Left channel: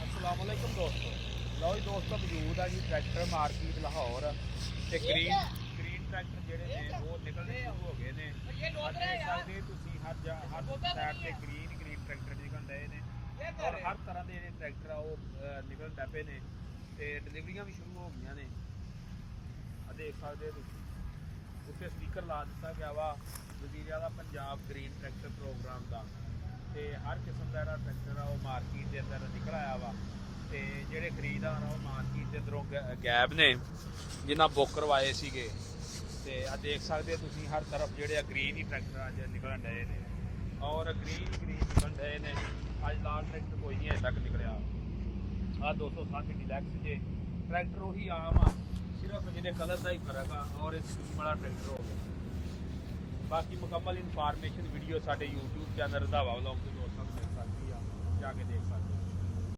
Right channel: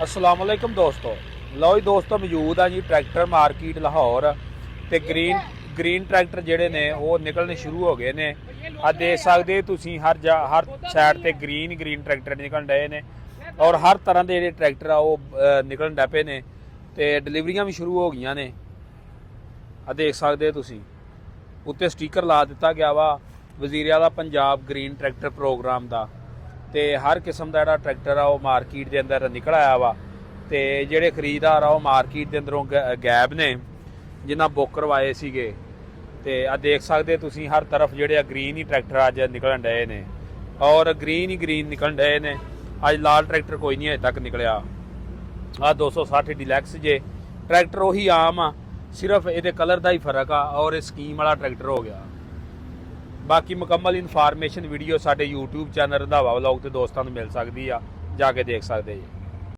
अस्सलाम वालेकुम दोस्तों। लो जी दोस्तों, मौजूद आ जी ट्रैक्टर मार्केट लाहौर ते ग्रीन ट्रैक्टर जेडे ने वो निकलने शुरू हो गए ने। आ देख सकते तुसीं हर साइड ते ग्रीन ट्रैक्टर निकल रहे ने और हर तरह के जेडे ट्रैक्टर आ वो निकलन डै पे ने ते डिलीवरियां भी शुरू हो गई ने। आ देख सकते तुसीं उत्ते स्टिकर ला दिता गया वा वज़ीर आला पंजाब ग्रीन ट्रैक्टर प्रोग्राम का। तो हर किस्म का जो ट्रैक्टर आ वो मार्केट के अंदर निकल आया वा। तो जोड़े खरीददार आ मार्केट के अंदरों गैब ने जिन्हें बुक करवाए सीगे। तो आ देख सकते तुसीं हर तरफ जोड़े ग्रीन ही ट्रैक्टर अज निकलन डे ने और ग्रीन ही ग्रीन निकलन डे ने। अज लाल ट्रैक्टर कोई नहीं अजे तक निकलिया। आ 260 डिलैक्स जे ट्रैक्टर उही आम आ, सिर्फ ये कलर का ही फर्क आ और ये स्कीम वाला ट्रैक्टर हो गया। बाकी मुकम्मल इनफॉर्मेशन वीडियो साडे यूट्यूब चैनल रंधावा व्लॉग ते दोस्तों को मिल सकती है, जाके देख सकते जी।